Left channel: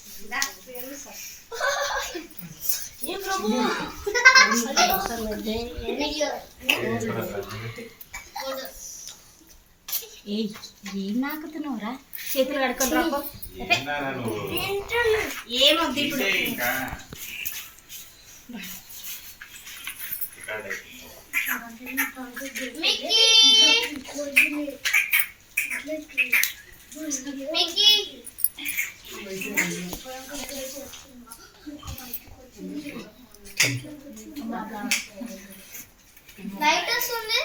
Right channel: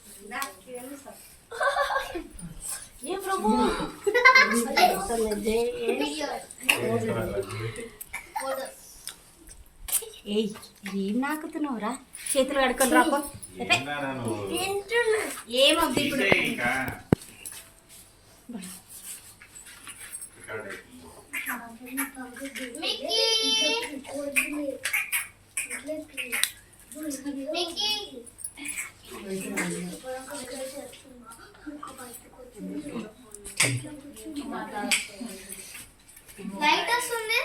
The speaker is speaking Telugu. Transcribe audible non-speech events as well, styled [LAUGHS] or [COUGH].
[LAUGHS] ఏం నాకుతున్నావురా? చేతులు కడుకొని రాపో. ఏమొద్దు ఇప్పుడు. మిక్కీ! మిక్కీ! లైట్ వస్తుంది